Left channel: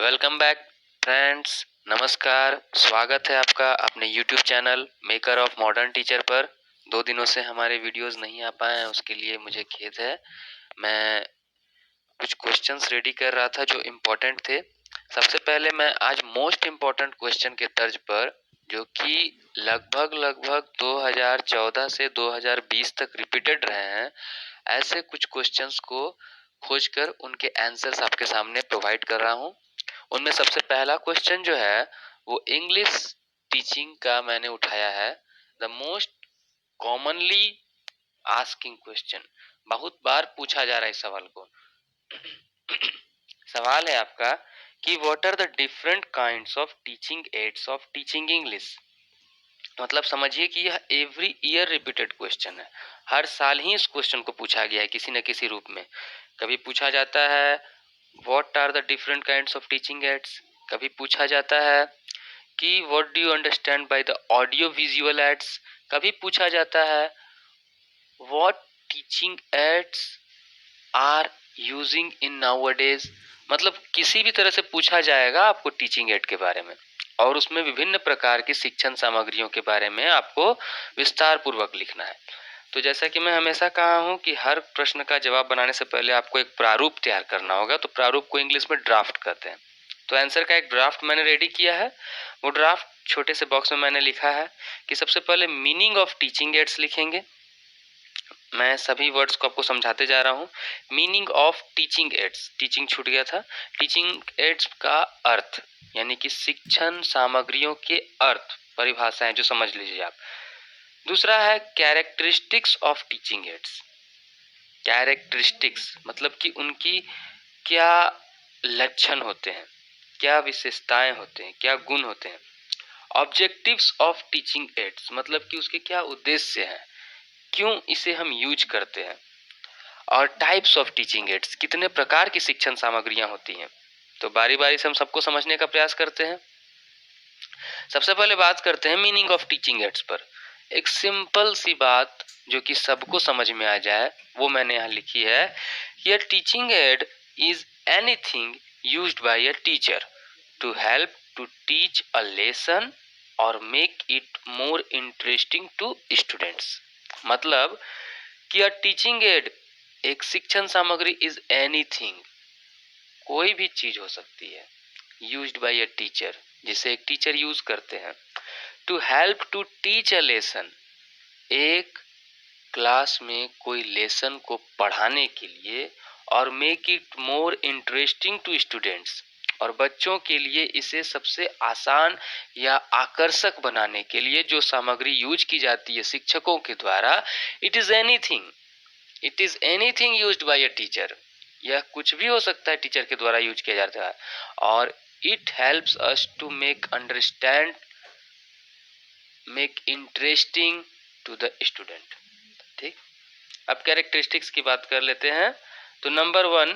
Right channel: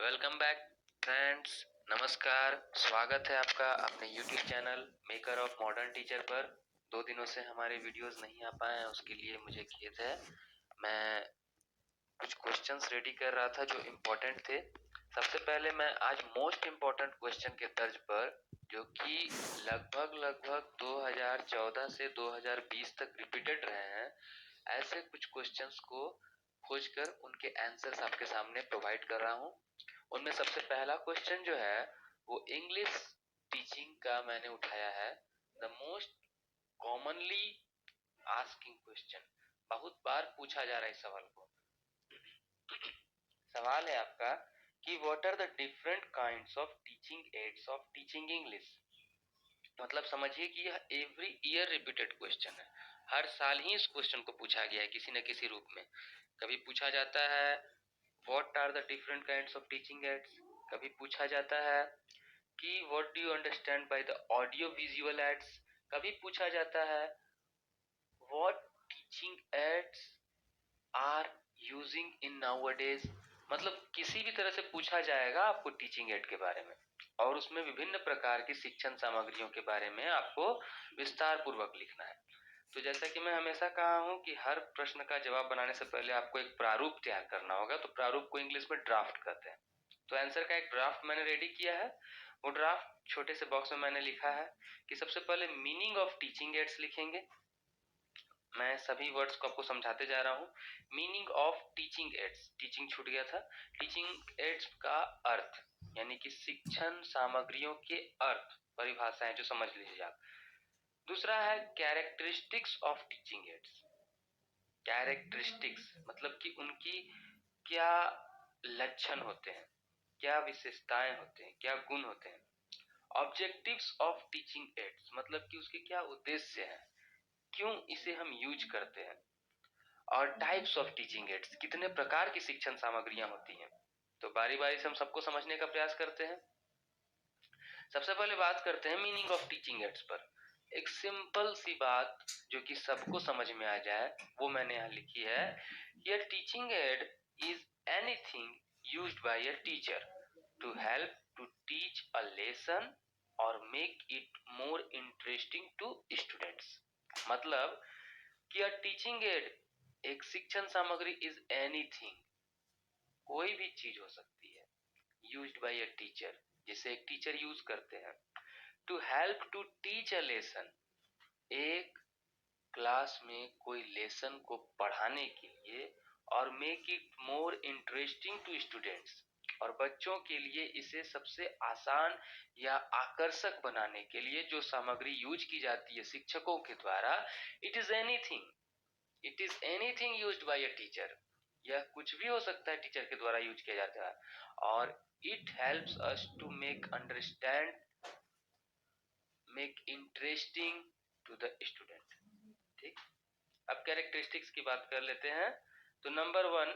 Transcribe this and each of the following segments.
Welcome back friends. नमस्कार, स्वागत है आपका अपने YouTube channel maker of modern teacher पर। 2 दिनों से हमारे वीडियोस नहीं आ पाए हैं, उसके लिए मुझे खेद है। मैं कुछ क्वेश्चंस रेडी कर रहा था जो इम्पोर्टेंट थे। सबसे पहले मैं आज मोस्ट इम्पोर्टेंट क्वेश्चन के तर्ज पर, जो कि लगभग 2014 से 2020 तक रिपीटेड रहे हैं, ऐसे कुछ क्वेश्चंस को खोजकर उनके आंसर्स आपके सामने प्रोवाइड कर रहा हूँ। उनमें सबसे पहला क्वेश्चन जो है वो इंग्लिश टीचिंग का मैंने उठाया है। The most commonly asking question, बहुत बार पूछा जा रहा है इस सवाल को। सवाल है आपका कि what are the different kinds of teaching aids of teaching English. मतलब समझिए कि यह एवरी ईयर रिपीटेड क्वेश्चन है। हर साल ही इस क्वेश्चन को पूछा गया है किसी न किसी रूप में। कभी पूछा जाता है what are the different kinds of teaching aids, कभी पूछा जाता है कि what do you understand by the audio visual aids, कभी पूछा जाता है what teaching aids are using in nowadays. मतलब किसी भी तरह से पूछा जाएगा आपको टीचिंग एड के बारे में, और उसमें विभिन्न प्रकार की शिक्षण सामग्रियों के बारे में आपको विस्तार पूर्वक लिखना है। तो जैसा कि मैं हमेशा कहा हूं कि हर प्रश्न का जवाब बनाने से पहले आपको एक प्रारूप तैयार करना होगा। तो प्रारूप को इंग्लिश में ड्राफ्ट कहते हैं। तो आंसर का एक ड्राफ्ट मैंने रेडी किया है। वो ड्राफ्ट छोटे से बॉक्स में मैंने लिखा है कि सबसे पहले मीनिंग ऑफ टीचिंग एड्स लिखेंगे। मैं सभी वर्ड्स को आपको समझाते जा रहा हूँ। Meaning of teaching ads, teaching छूट गया था। टीचिंग एड्स का अर्थ यानी कि शिक्षण सामग्रियों के अर्थ, परिभाषाएं जो समझ लीजिए आप। दूसरा है characteristics of teaching ads. Characteristics मतलब कि उनकी क्या लक्षण होते हैं, क्या विशेषताएं होते हैं, क्या गुण होते हैं। ऑब्जेक्टिव्स ऑफ टीचिंग एड्स मतलब कि उसके क्या उद्देश्य हैं, क्यों इसे हम यूज करते हैं। और टाइप्स ऑफ टीचिंग एड्स, कितने प्रकार की शिक्षण सामग्रियां होती हैं। तो बारी बारी से हम सबको समझने का प्रयास करते हैं। सबसे पहले बात करते हैं मीनिंग ऑफ टीचिंग एड्स पर। एक सिंपल सी बात जो कि सबको समझ में आ जाए वो मैंने यहाँ लिखी है। ये teaching aid is anything used by a teacher to help to teach a lesson और make it more interesting to students. मतलब कि अ टीचिंग एड, एक शिक्षण सामग्री इज एनीथिंग, कोई भी चीज हो सकती है, यूज्ड बाय अ टीचर, जिसे एक टीचर यूज करते हैं, to help to teach a lesson, एक क्लास में कोई लेसन को पढ़ाने के लिए, और make it more interesting to students, और बच्चों के लिए इसे सबसे आसान या आकर्षक बनाने के लिए जो सामग्री यूज की जाती है शिक्षकों के द्वारा, it is anything, it is anything used by a teacher. यह कुछ भी हो सकता है टीचर के द्वारा यूज किया जाता है। और it helps us to make understand, make interesting to the student. ठीक, अब कैरेक्टरिस्टिक्स की बात कर लेते हैं। तो number 1,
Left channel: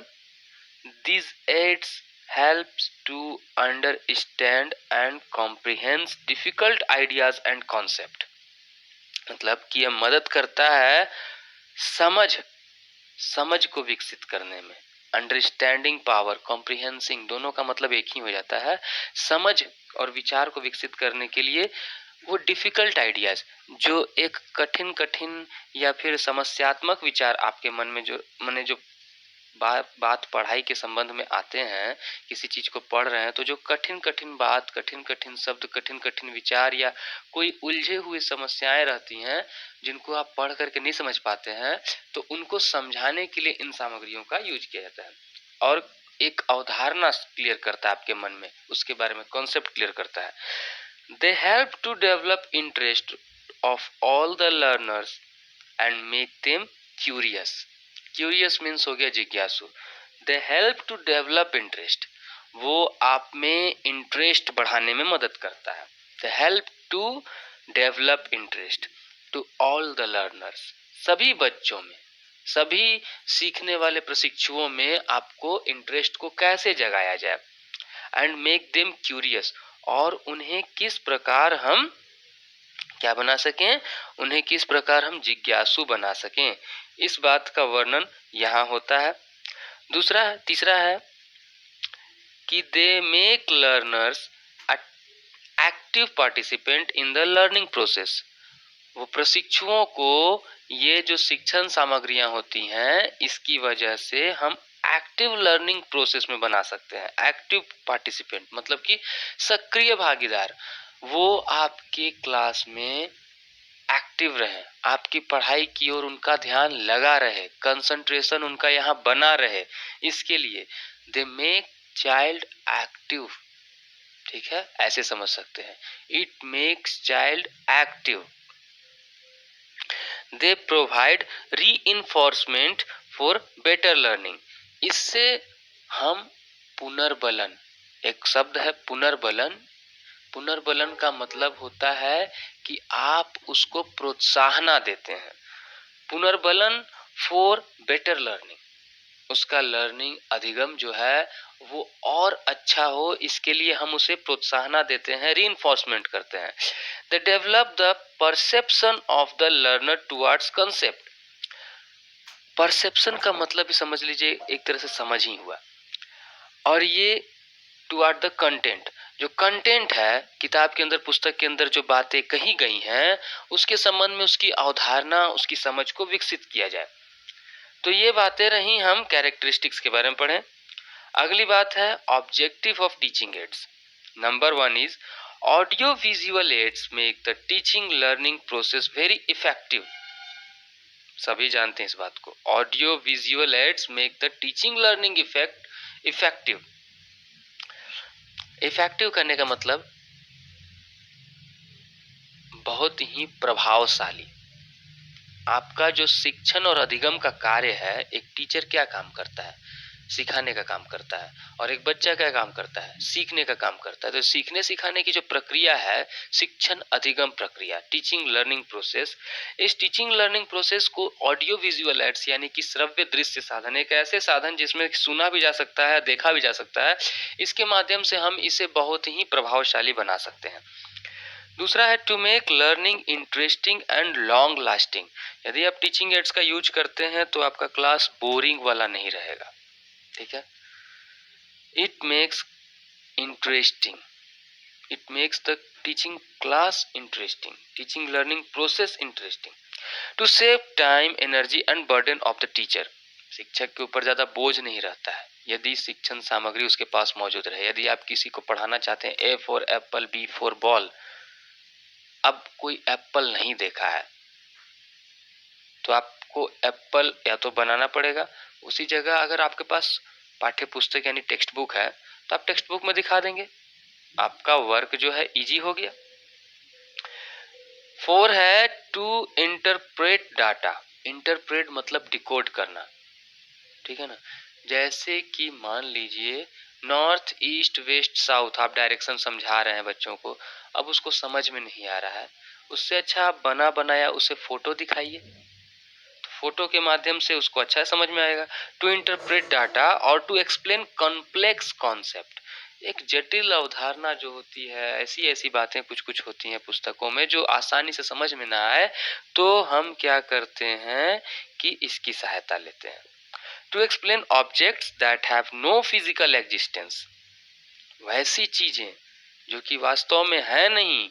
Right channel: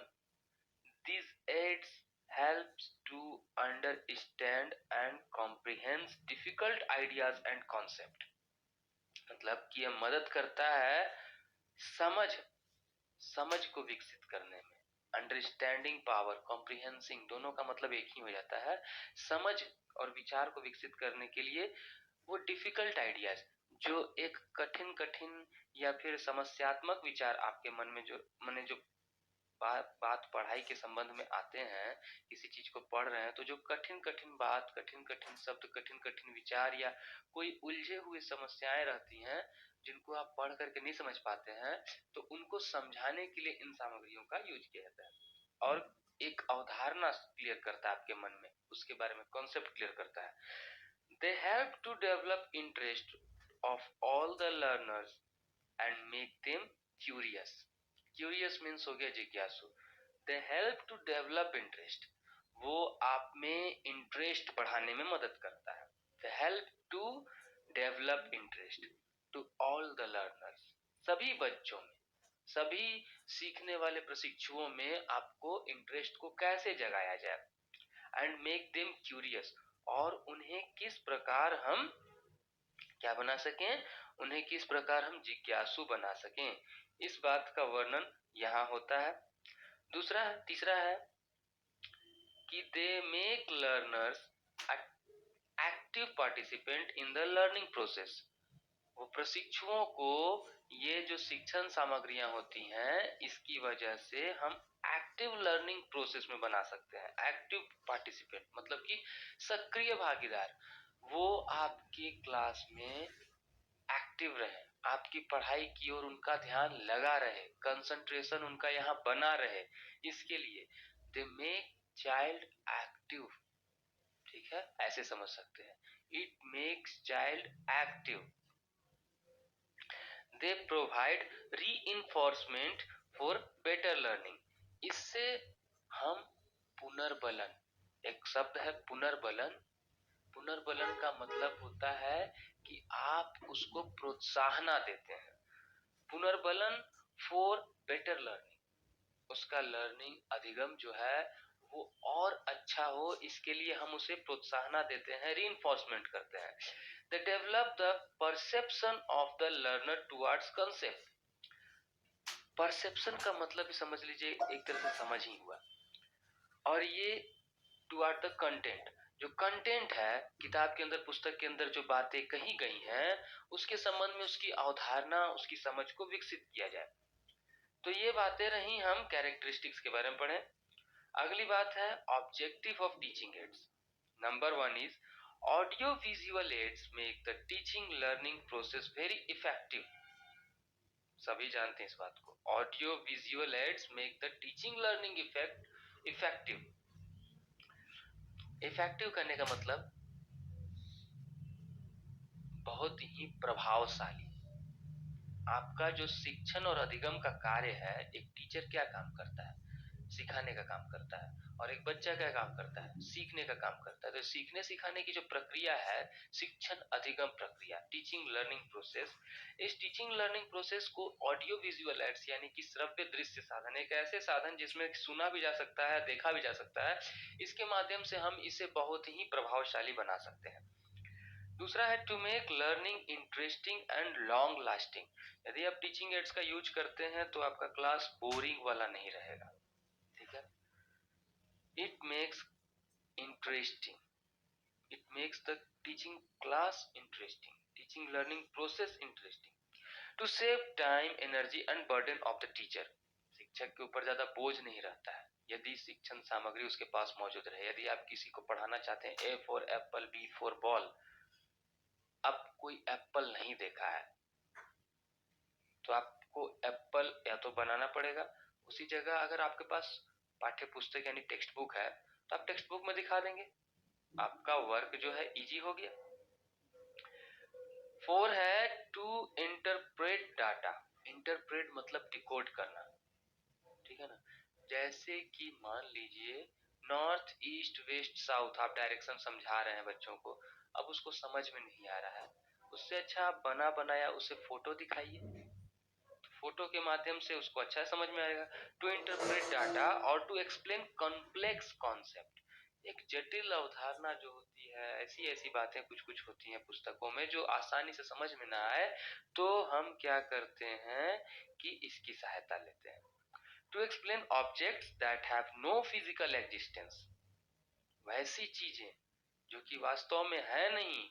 this aids helps to understand and comprehend difficult ideas and concept। मतलब कि यह मदद करता है समझ, समझ को विकसित करने में। अंडरस्टैंडिंग पावर, कॉम्प्रिहेंसिंग, दोनों का मतलब एक ही हो जाता है। समझ और विचार को विकसित करने के लिए वो डिफिकल्ट आइडियाज, जो एक कठिन कठिन या फिर समस्यात्मक विचार आपके मन में जो जो बात पढ़ाई के संबंध में आते हैं, किसी चीज को पढ़ रहे हैं तो जो कठिन कठिन बात, कठिन कठिन शब्द, कठिन कठिन विचार या कोई उलझे हुए समस्याएं रहती हैं जिनको आप पढ़ करके नहीं समझ पाते हैं, तो उनको समझाने के लिए इन सामग्रियों का यूज किया जाता है। और एक अवधारणा क्लियर करता है आपके मन में, उसके बारे में कॉन्सेप्ट क्लियर करता है। They help to develop interest of all the learners and make them curious. Curious means हो गया जिज्ञासु। They help to develop interest, वो आप में इंटरेस्ट बढ़ाने में मदद करता है। They help to develop interest to all the learners, सभी बच्चों में, सभी सीखने वाले प्रशिक्षुओं में आपको इंटरेस्ट को कैसे जगाया जाए। एंड मेक देम क्यूरियस, और उन्हें किस प्रकार हम क्या बना सकें, उन्हें किस प्रकार हम जिज्ञासु बना सकें, इस बात का वर्णन यहाँ होता है। तीसरा है कि कि they make learners active participant in the learning process. वो प्रशिक्षुओं को ये जो शिक्षण सामग्रियां होती हैं इसकी वजह से हम एक्टिव लर्निंग प्रोसेस में बना सकते हैं। एक्टिव पार्टिसिपेंट मतलब कि सक्रिय भागीदार, वो आपके क्लास में एक्टिव रहे, आपकी पढ़ाई की ओर उनका ध्यान लगा रहे, कंसंट्रेशन उनका यहाँ बना रहे, इसके लिए दे मेक चाइल्ड एक्टिव। ठीक है, ऐसे समझ सकते हैं, it makes child active. They provide reinforcement for better learning. इससे हम पुनर्बलन, एक शब्द है पुनर्बलन, पुनर्बलन का मतलब होता है कि आप उसको प्रोत्साहना देते हैं। पुनर्बलन फॉर बेटर लर्निंग, उसका लर्निंग अधिगम जो है वो और अच्छा हो, इसके लिए हम उसे प्रोत्साहना देते हैं, रीइंफोर्समेंट करते हैं। They develop the perception of the learner towards concept. Perception का मतलब ही समझ लीजिए एक तरह से समझ ही हुआ, और ये टुवर्ड द कंटेंट, जो कंटेंट है किताब के अंदर, पुस्तक के अंदर जो बातें कही गई हैं उसके संबंध में उसकी अवधारणा, उसकी समझ को विकसित किया जाए। तो ये बातें रही, हम कैरेक्टरिस्टिक्स के बारे में पढ़ें। अगली बात है objective of teaching ads. Number 1 is audio visual ads make the teaching learning process very effective. सभी जानते हैं इस बात को, audio visual ads make the teaching learning effective. Effective करने का मतलब बहुत ही प्रभावशाली। आपका जो शिक्षण और अधिगम का कार्य है, एक टीचर क्या काम करता है, सिखाने का काम करता है, और एक बच्चा क्या काम करता है, सीखने का काम करता है। तो सीखने सिखाने की जो प्रक्रिया है, शिक्षण अधिगम प्रक्रिया, टीचिंग लर्निंग प्रोसेस, इस टीचिंग लर्निंग प्रोसेस को ऑडियो विजुअल एड्स यानी कि श्रव्य दृश्य साधन, एक ऐसे साधन जिसमें सुना भी जा सकता है, देखा भी जा सकता है, इसके माध्यम से हम इसे बहुत ही प्रभावशाली बना सकते हैं। दूसरा है to make learning interesting and long lasting. यदि आप टीचिंग एड्स का यूज करते हैं तो आपका क्लास बोरिंग वाला नहीं रहेगा। ठीक है, it makes interesting, it makes the teaching class interesting, teaching learning process interesting. To save time energy and burden of the teacher. शिक्षक के ऊपर ज्यादा बोझ नहीं रहता है यदि शिक्षण सामग्री उसके पास मौजूद रहे। यदि आप किसी को पढ़ाना चाहते हैं A for apple, B for ball, अब कोई एप्पल नहीं देखा है तो आपको एप्पल या तो बनाना पड़ेगा, उसी जगह अगर आपके पास पाठ्य पुस्तक यानी टेक्स्ट बुक है तो आप टेक्स्ट बुक में दिखा देंगे, आपका वर्क जो है इजी हो गया। 4 है टू इंटरप्रेट डाटा। इंटरप्रेट मतलब डिकोड करना, ठीक है ना। जैसे कि मान लीजिए नॉर्थ ईस्ट वेस्ट साउथ, आप डायरेक्शन समझा रहे हैं बच्चों को, अब उसको समझ में नहीं आ रहा है, उससे अच्छा आप बना बनाया उसे फोटो दिखाइए, फोटो के माध्यम से उसको अच्छा समझ में आएगा। टू इंटरप्रेट डाटा और टू एक्सप्लेन कॉम्प्लेक्स कॉन्सेप्ट, एक जटिल अवधारणा जो होती है, ऐसी ऐसी बातें कुछ कुछ होती हैं पुस्तकों में जो आसानी से समझ में ना आए, तो हम क्या करते हैं कि इसकी सहायता लेते हैं। To explain objects that have no physical existence, वैसी चीजें जो कि वास्तव में है नहीं,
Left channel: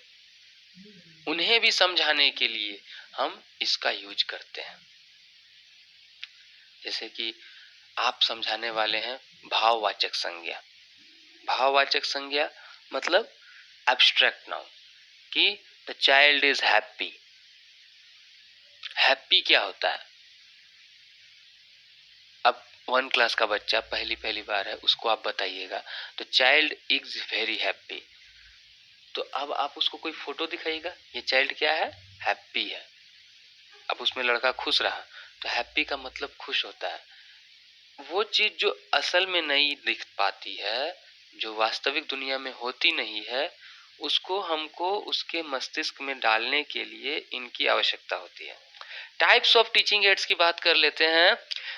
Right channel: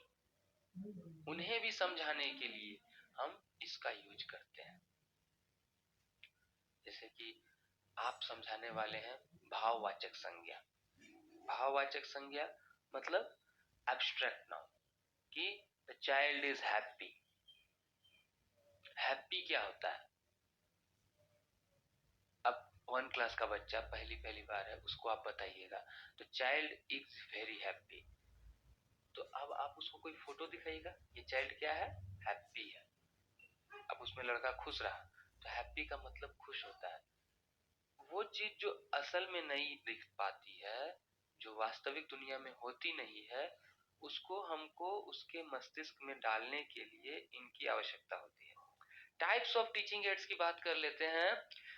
उन्हें भी समझाने के लिए हम इसका यूज करते हैं। जैसे कि आप समझाने वाले हैं भाववाचक संज्ञा। भाववाचक संज्ञा मतलब एब्स्ट्रैक्ट नाउन, कि the child is happy. Happy क्या होता है? अब 1 क्लास का बच्चा पहली बार है, उसको आप बताइएगा तो चाइल्ड इज वेरी हैप्पी, तो अब आप उसको कोई फोटो दिखाइएगा, ये चाइल्ड क्या है, हैप्पी है। अब उसमें लड़का खुश रहा तो हैप्पी का मतलब खुश होता है। वो चीज जो असल में नहीं दिख पाती है, जो वास्तविक दुनिया में होती नहीं है, उसको हमको उसके मस्तिष्क में डालने के लिए इनकी आवश्यकता होती है। टाइप्स ऑफ टीचिंग एड्स की बात कर लेते हैं।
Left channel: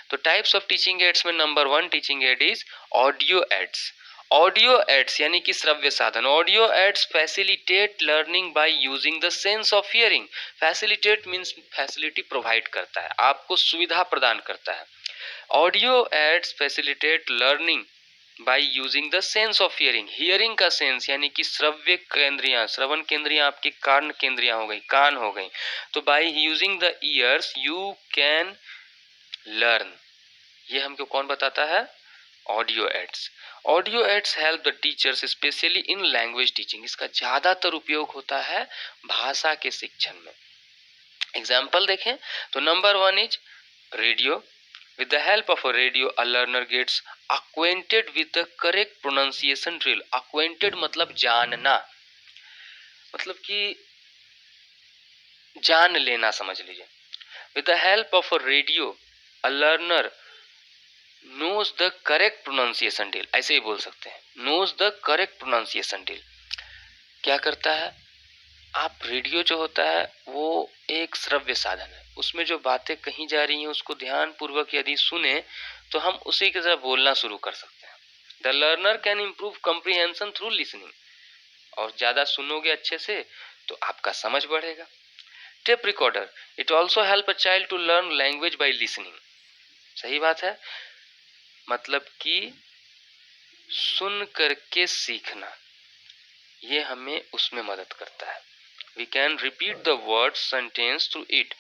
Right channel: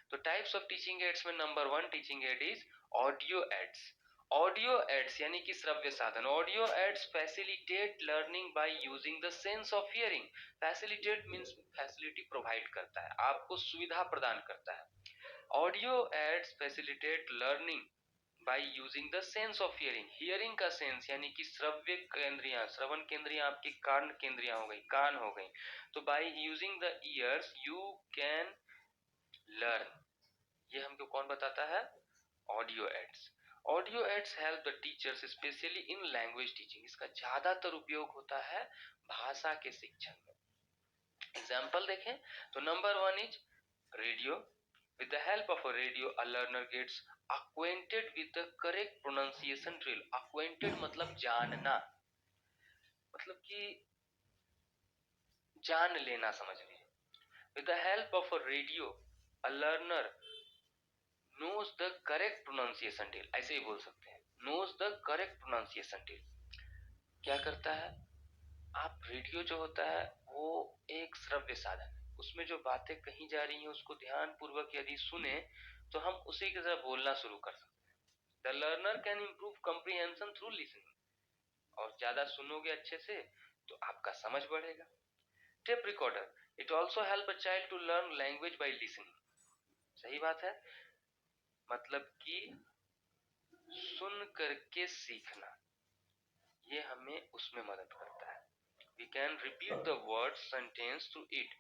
तो टाइप्स ऑफ टीचिंग एड्स में number 1 teaching aid is audio aids. Audio aids यानी कि श्रव्य साधन। Audio aids facilitate learning by using the sense of hearing. Facilitate means facility provide करता है, आपको सुविधा प्रदान करता है। Audio aids facilitate learning by using the sense of hearing, hearing का सेंस यानी कि श्रव्य केंद्रियां, श्रवण केंद्रियां आपकी कान केंद्रियां हो गई, कान हो गई। तो by using the ears you can learn. ये हमको कौन बताता है? Audio aids. Audio aids help the teachers specially in language teaching. इसका ज्यादातर उपयोग होता है भाषा के शिक्षण में। एग्जाम्पल देखें तो number 1 is radio. With the help of a radio, a learner gets acquainted with the correct pronunciation drill. Acquainted मतलब जानना, मतलब कि जान लेना, समझ लीजिए। With the help of a radio, a learner knows the correct pronunciation drill. ऐसे ही बोल सकते हैं, knows the correct pronunciation drill। क्या करता है? आप रेडियो जो होता है वो एक श्रव्य साधन है, उसमें जो बातें कही जा रही हैं उसको ध्यान पूर्वक यदि सुने तो हम उसी की तरह बोलना शुरू कर सकते हैं। The learner can improve comprehension through listening. और ज्यादा सुनोगे अच्छे से तो आपका समझ बढ़ेगा। Tape recorder, it also help a child to learn language by listening. सही बात है, मतलब कि सुन करके सीखना, ये हमें उसमें मदद करता है। We can repeat the words sentence through it।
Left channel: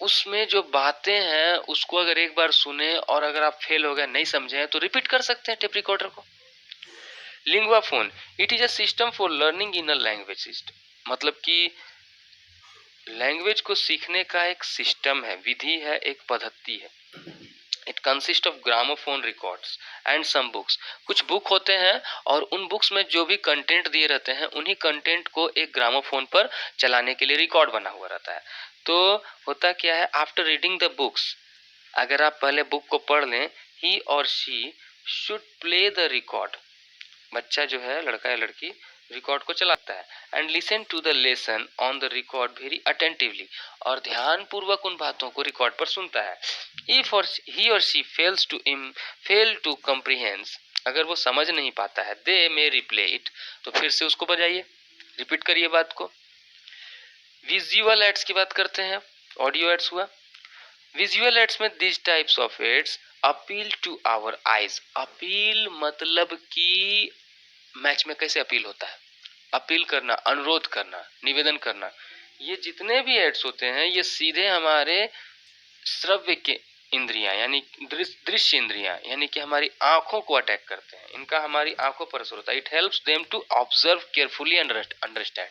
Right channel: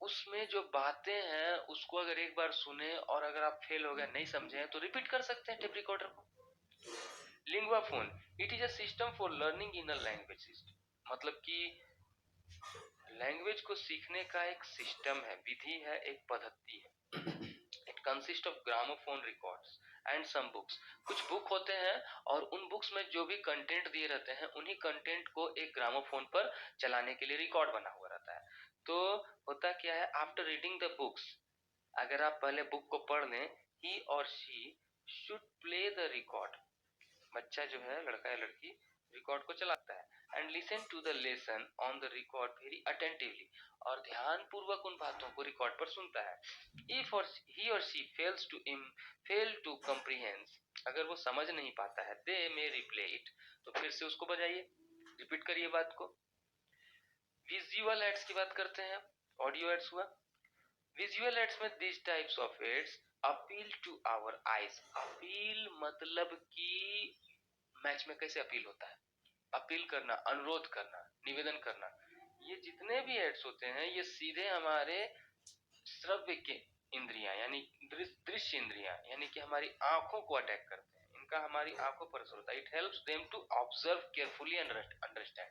उसमें जो बातें हैं उसको अगर एक बार सुने और अगर आप फेल हो गए, नहीं समझे तो रिपीट कर सकते हैं टेप रिकॉर्डर को। Lingua phone, it is a system for learning in a language system. मतलब कि लैंग्वेज को सीखने का एक सिस्टम है, विधि है, एक पद्धति है। It consist of gramophone records and some books. कुछ बुक होते हैं और उन बुक्स में जो भी कंटेंट दिए रहते हैं उन्हीं कंटेंट को एक ग्रामोफोन पर चलाने के लिए रिकॉर्ड बना हुआ रहता है। तो होता क्या है, आफ्टर रीडिंग द बुक्स, अगर आप पहले बुक को पढ़ लें, ही और she should play the record. बच्चा जो है, लड़का या लड़की, रिकॉर्ड को चलाता है and listen to the lesson on the record very attentively. और ध्यान पूर्वक उन बातों को रिकॉर्ड पर सुनता है। इफ और ही और शी फेल टू कॉम्प्रिहेंड, अगर वो समझ नहीं पाता है, दे मे रिप्ले इट, तो फिर से उसको बजाइए, रिपीट करिए बात को। विजुअल एड्स की बात करते हैं, ऑडियो एड्स हुआ। विजुअल एड्स में this types of aids appeal to our eyes. Appeal मतलब कि मैच में कैसे अपील होता है, अपील करना, अनुरोध करना, निवेदन करना। ये जितने भी एड्स होते हैं ये सीधे हमारे श्रव्य के इंद्रियां यानी दृश्य इंद्रियां यानी कि हमारी आंखों को अटैक करते हैं। इनका हमारी आंखों पर असर होता है। It helps them to observe carefully and understand.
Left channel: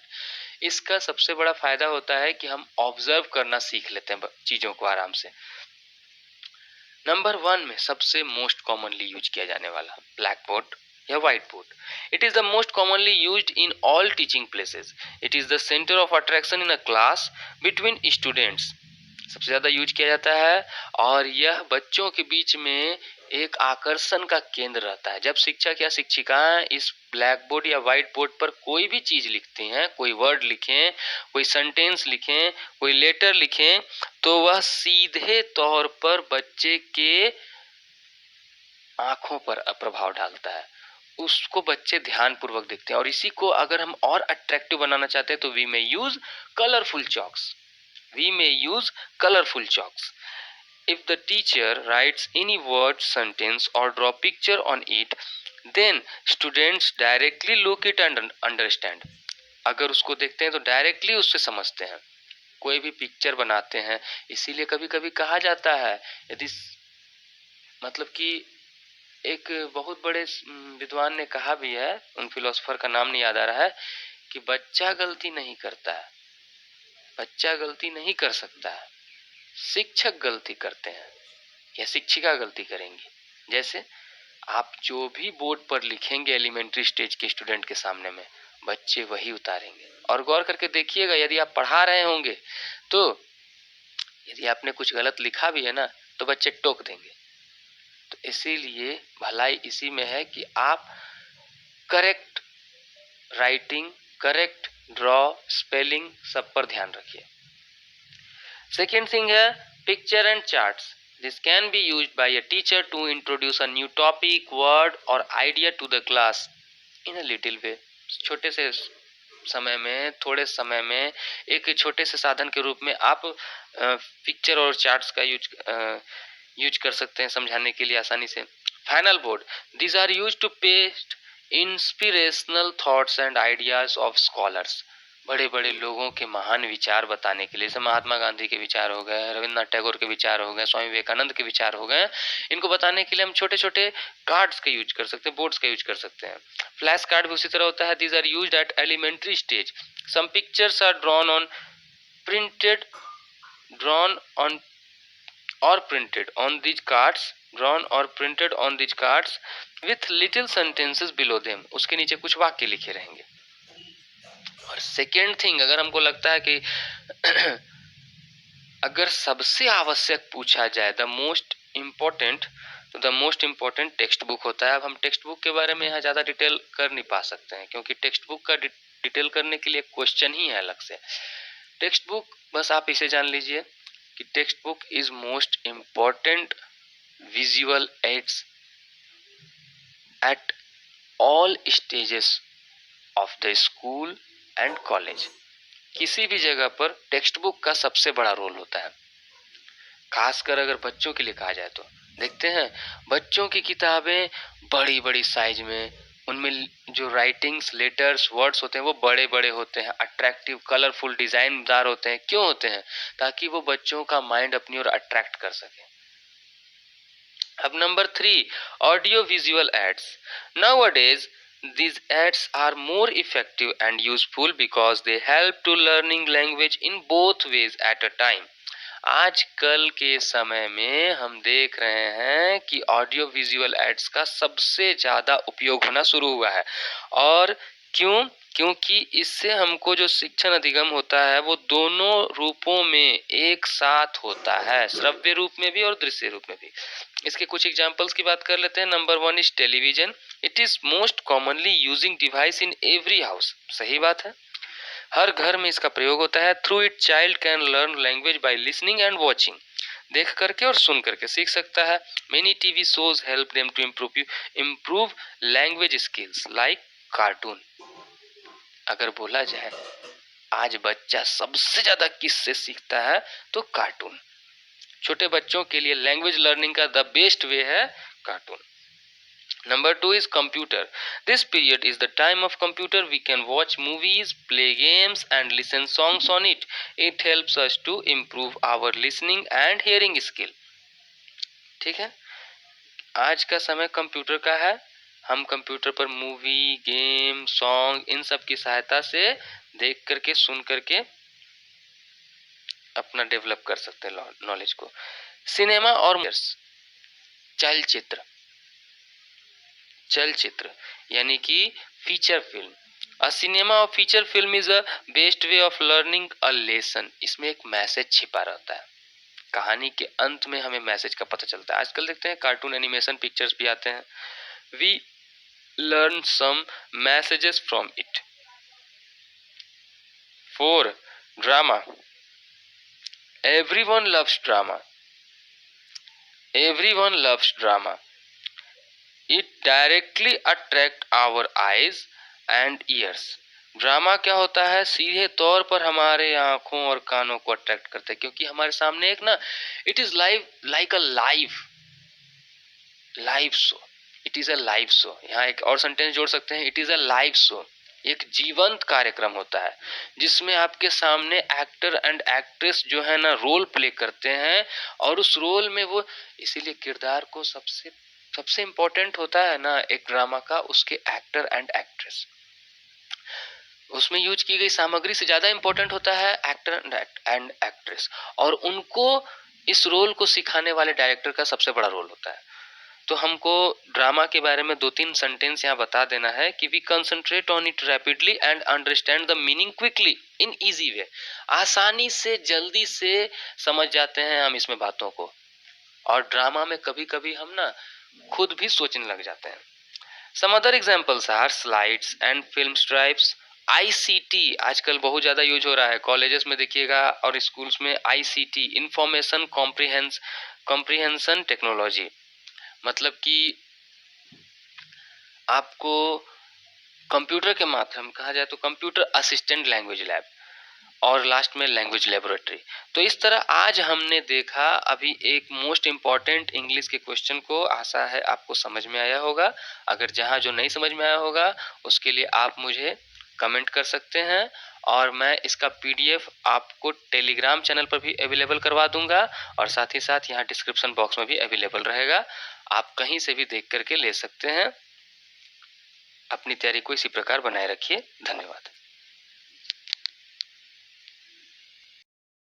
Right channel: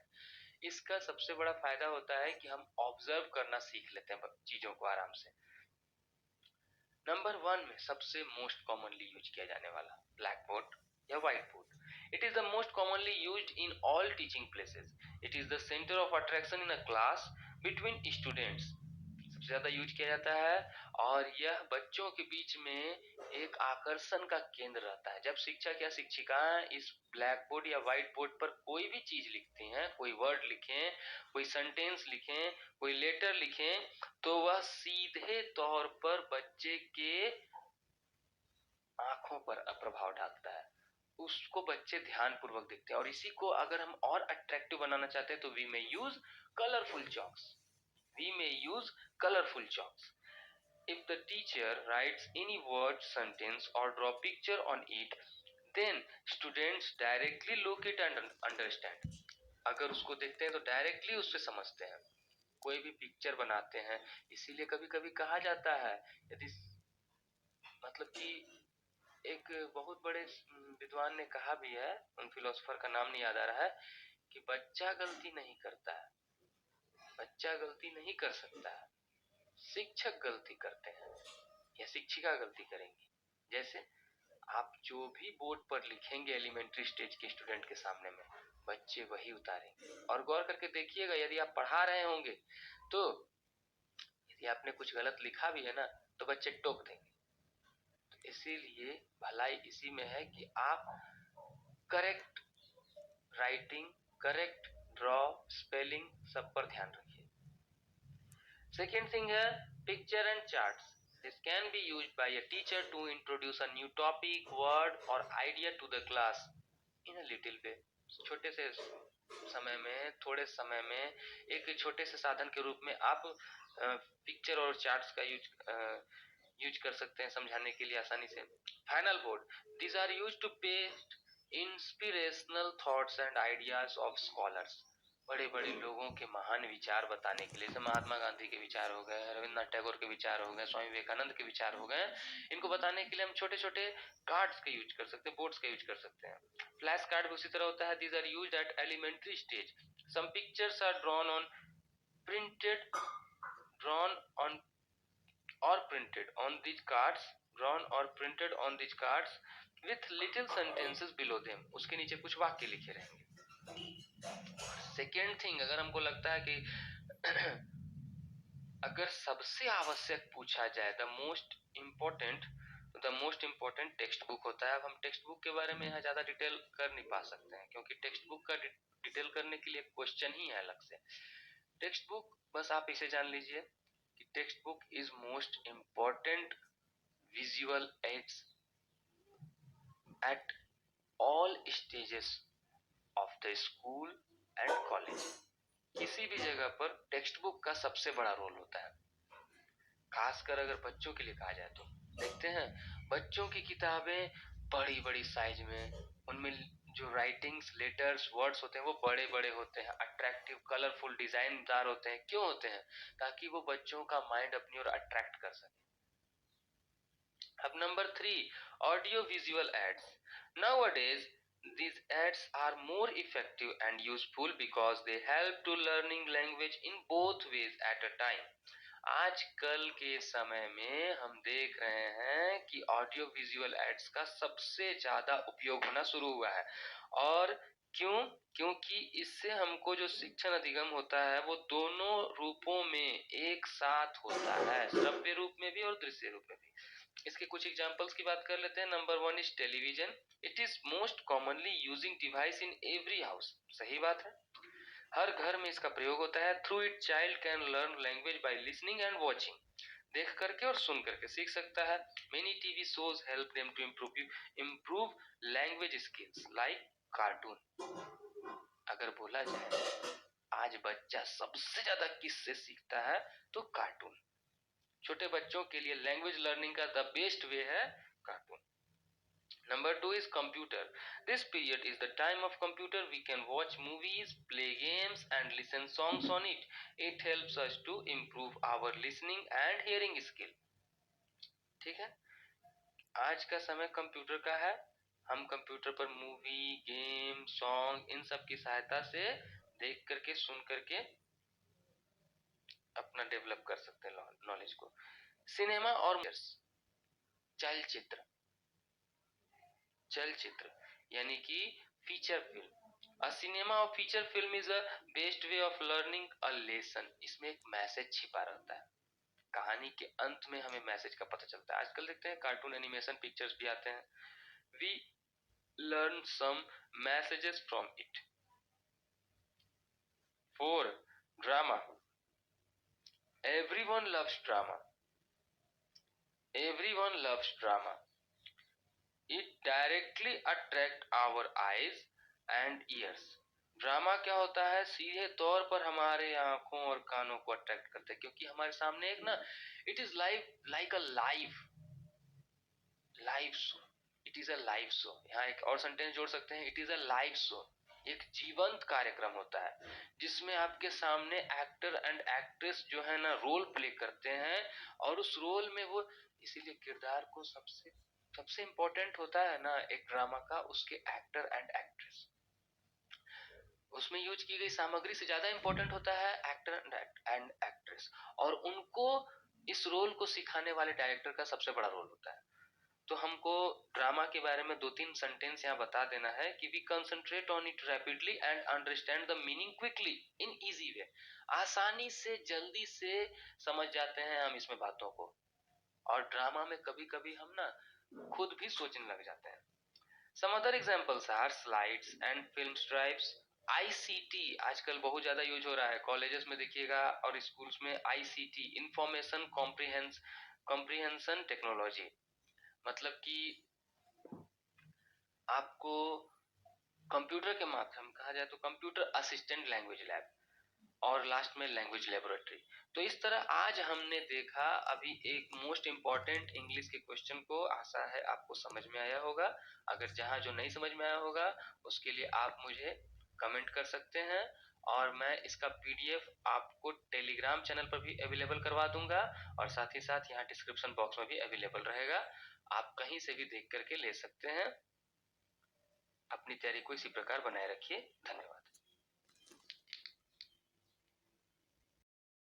इसका सबसे बड़ा फायदा होता है कि हम ऑब्जर्व करना सीख लेते हैं चीजों को आराम से। नंबर 1 में सबसे मोस्ट कॉमनली यूज किया जाने वाला ब्लैक बोर्ड या white board. It is the most commonly used in all teaching places. It is the centre of attraction in a class between students. सबसे ज्यादा यूज किया जाता है और यह बच्चों के बीच में एक आकर्षण का केंद्र रहता है। जब शिक्षक या शिक्षिकाएं इस ब्लैक बोर्ड या व्हाइट बोर्ड पर कोई भी चीज लिखती हैं, कोई वर्ड लिखें, कोई सेंटेंस लिखें, कोई लेटर लिखें, तो वह सीधे तौर पर बच्चे के आंखों पर प्रभाव डालता है। उसको बच्चे ध्यान पूर्वक देखते हैं। और इसी को अगर हम और अट्रैक्टिव बनाना चाहते हैं तो we may use colourful chalks. We may use colorful chalks. If the teacher writes any word, sentence or draw picture on it, then students directly look it and understand. अगर उसको देखते हैं तो डायरेक्टली उससे समझते हैं। कोई भी पिक्चर बनाते हैं, इसीलिए कभी कभी कहा जाता है, यदि मतलब कि एक बहुत बड़े विद्वान ने कहा भी है, उन फिलोसोफर का नाम नहीं याद आ रहा है, कि बच्चा गलती नहीं करता है, बच्चा गलती नहीं कर सकता है, शिक्षक गलती करते हैं या शिक्षिका गलती करेंगी। जैसे आप जो भी बोर्ड पर लिखेंगे एलिमेंट्री स्टेज के स्टूडेंट के सामने में, बच्चे वही उतारेंगे। और गौर करके देखिएगा, यदि आप पढ़ा रहे होंगे तो यदि आपने कुछ गलत लिखा भी है ना तो बच्चे टोक देंगे। तो इसीलिए भलाई इसी में है कि आप correct writing, correct draw, spelling सब पर ध्यान रखिए। सेकेंड थिंग है picture and charts. This can be used by a teacher to introduce a new topic, word or idea to the class in a little way। छोटे से समय में, थोड़े समय में एक छोटे से साधन के रूप में आप पिक्चर और चार्ट्स का यूज कर सकते हैं समझाने के लिए आसानी से। Final board, these are used to paste inspirational thoughts and ideas of scholars. बड़े बड़े लोगों के महान विचार बताने के लिए, जैसे महात्मा गांधी के विचार हो गए, रविन्द्रनाथ टैगोर के विचार हो गए, स्वामी विवेकानंद के विचार हो गए, इनको बताने के लिए हम छोटे छोटे कार्ड्स का यूज कर सकते हैं, बोर्ड्स का यूज कर सकते हैं। फ्लैश कार्ड भी उसी तरह होता है। These are used at elementary stage. Some pictures are drawn on printed drawn on or printed on these cards drawn or printed on these cards with little sentences below them, उसके नीचे कुछ वाक्य लिखे रहेंगे। और सेकेंड थिंग, अगर हमको लगता है कि अगर सबसे आवश्यक पूछा जाए द मोस्ट इम्पोर्टेंट, तो the most important text book होता है। अब हम टेक्स्ट बुक के बारे में यहाँ ज़्यादा डिटेल कर नहीं पा सकते हैं, क्योंकि टेक्स्ट बुक का डिटेल करने के लिए क्वेश्चन ही है अलग से। टेक्स्ट बुक, बस आप इसे जान लीजिए कि text book is most important visual aids at all stages of the school and college. किसी भी जगह पर टेक्स्ट बुक का सबसे बड़ा रोल होता है, खासकर अगर बच्चों के लिए कहा जाए तो। देखते हैं बच्चों की किताबें बड़ी बड़ी साइज में, उनमें जो राइटिंग्स, लेटर्स, वर्ड्स होते हैं वो बड़े बड़े होते हैं, अट्रैक्टिव, कलरफुल, डिजाइनदार होते हैं। क्यों होते हैं? ताकि वो बच्चों का माइंड अपनी ओर अट्रैक्ट कर सके। अब number 3, audio visual ads. Nowadays these ads are more effective and useful because they help to learning language in both ways at a time. आजकल के समय में हम देख रहे हैं कि ऑडियो विजुअल एड्स का सबसे ज़्यादा उपयोग होना शुरू हुआ है। और क्यों? क्योंकि इससे हमको जो शिक्षण अधिगम होता है वो दोनों रूपों में एक साथ होता है, श्रव्य रूप में भी और दृश्य रूप में भी। इसके कुछ एग्जांपल्स की बात कर लेते हैं। Number 1 is television. It is most commonly using device in every house. सही बात है, हर घर में इसका प्रयोग होता है। Through it child can learn language by listening and watching. देख करके और सुन करके सीख सकता है। Many TV shows help them to improve language skills like cartoon. अगर बोला जाए आज बच्चा सबसे ज्यादा किससे सीखता है, तो कार्टून। छोटे बच्चों के लिए लैंग्वेज लर्निंग का द बेस्ट वे है cartoon. Number 2 is computer. This period is the time of computer. We can watch movies, play games and listen songs on it. It helps us to improve our listening and hearing skill. ठीक है, आज का समय computer का है। हम computer पर movie, game, song, इन सब की सहायता से देख करके, सुन करके अपना डेवलप कर सकते हैं नॉलेज को। सिनेमा और चलचित्र, चलचित्र यानी कि फीचर फिल्म। अ सिनेमा और feature film is a best way of learning a lesson. इसमें एक मैसेज छिपा रहता है, कहानी के अंत में हमें मैसेज का पता चलता है। आजकल देखते हैं कार्टून एनिमेशन पिक्चर्स भी आते हैं। We learn some messages from it. 4 drama. Everyone loves drama, everyone loves drama. It directly attract our eyes and ears. Drama क्या होता है? सीधे तौर पर हमारे आंखों और कानों को अट्रैक्ट करता है, क्योंकि हमारे सामने एक ना, it is live, like a live live show. It is a live show. यहाँ एक और सेंटेंस जोड़ सकते हैं, it is a live show. एक जीवंत कार्यक्रम होता है जिसमें आपके सामने एक्टर एंड एक्ट्रेस जो है ना रोल प्ले करते हैं, और उस रोल में वो, इसीलिए किरदार को सबसे सबसे इम्पोर्टेंट होता है ना एक ड्रामा का, उसके एक्टर एंड एक्ट्रेस। उसमें यूज की गई सामग्री से ज्यादा इम्पोर्टेंट होता है एक्टर एंड एक्ट्रेस, और उनको इस रोल को सिखाने वाले डायरेक्टर का सबसे बड़ा रोल होता है। तो हमको ड्रामा के बारे में 2-3 सेंटेंस यहाँ बता देना है कि we concentrate on it rapidly and understand the meaning quickly in easy way. आसानी से, जल्दी से समझ जाते हैं हम इसमें बातों को, और ड्रामा में कभी कभी हम ना खुद भी सोचने लग जाते हैं। Some other examples are slides and film stripes. ICT आजकल बहुत ज्यादा यूज हो रहा है, कॉलेजेस में देखिएगा और स्कूल्स में। आईसीटी, इंफॉर्मेशन कॉम्प्रिहेंशन टेक्नोलॉजी, मतलब कि आपको कंप्यूटर के माध्यम कहा जाए तो कंप्यूटर असिस्टेंट लैंग्वेज लैब। और लास्ट में लैंग्वेज लेबोरेटरी। तो इस तरह आज हमने देखा अभी एक मोस्ट इम्पॉर्टेंट इंग्लिश के क्वेश्चन को। आशा है आपको समझ में आया होगा। अगर जहाँ जो नहीं समझ में आया होगा उसके लिए आप मुझे कमेंट कर सकते हैं, और मैं इसका पीडीएफ आपको टेलीग्राम चैनल पर भी अवेलेबल करवा दूंगा, और साथ ही साथ यहाँ डिस्क्रिप्शन बॉक्स में भी अवेलेबल रहेगा। आप कहीं से भी देख करके ले सकते हैं। अपनी तैयारी को इसी प्रकार बनाए रखिए। धन्यवाद।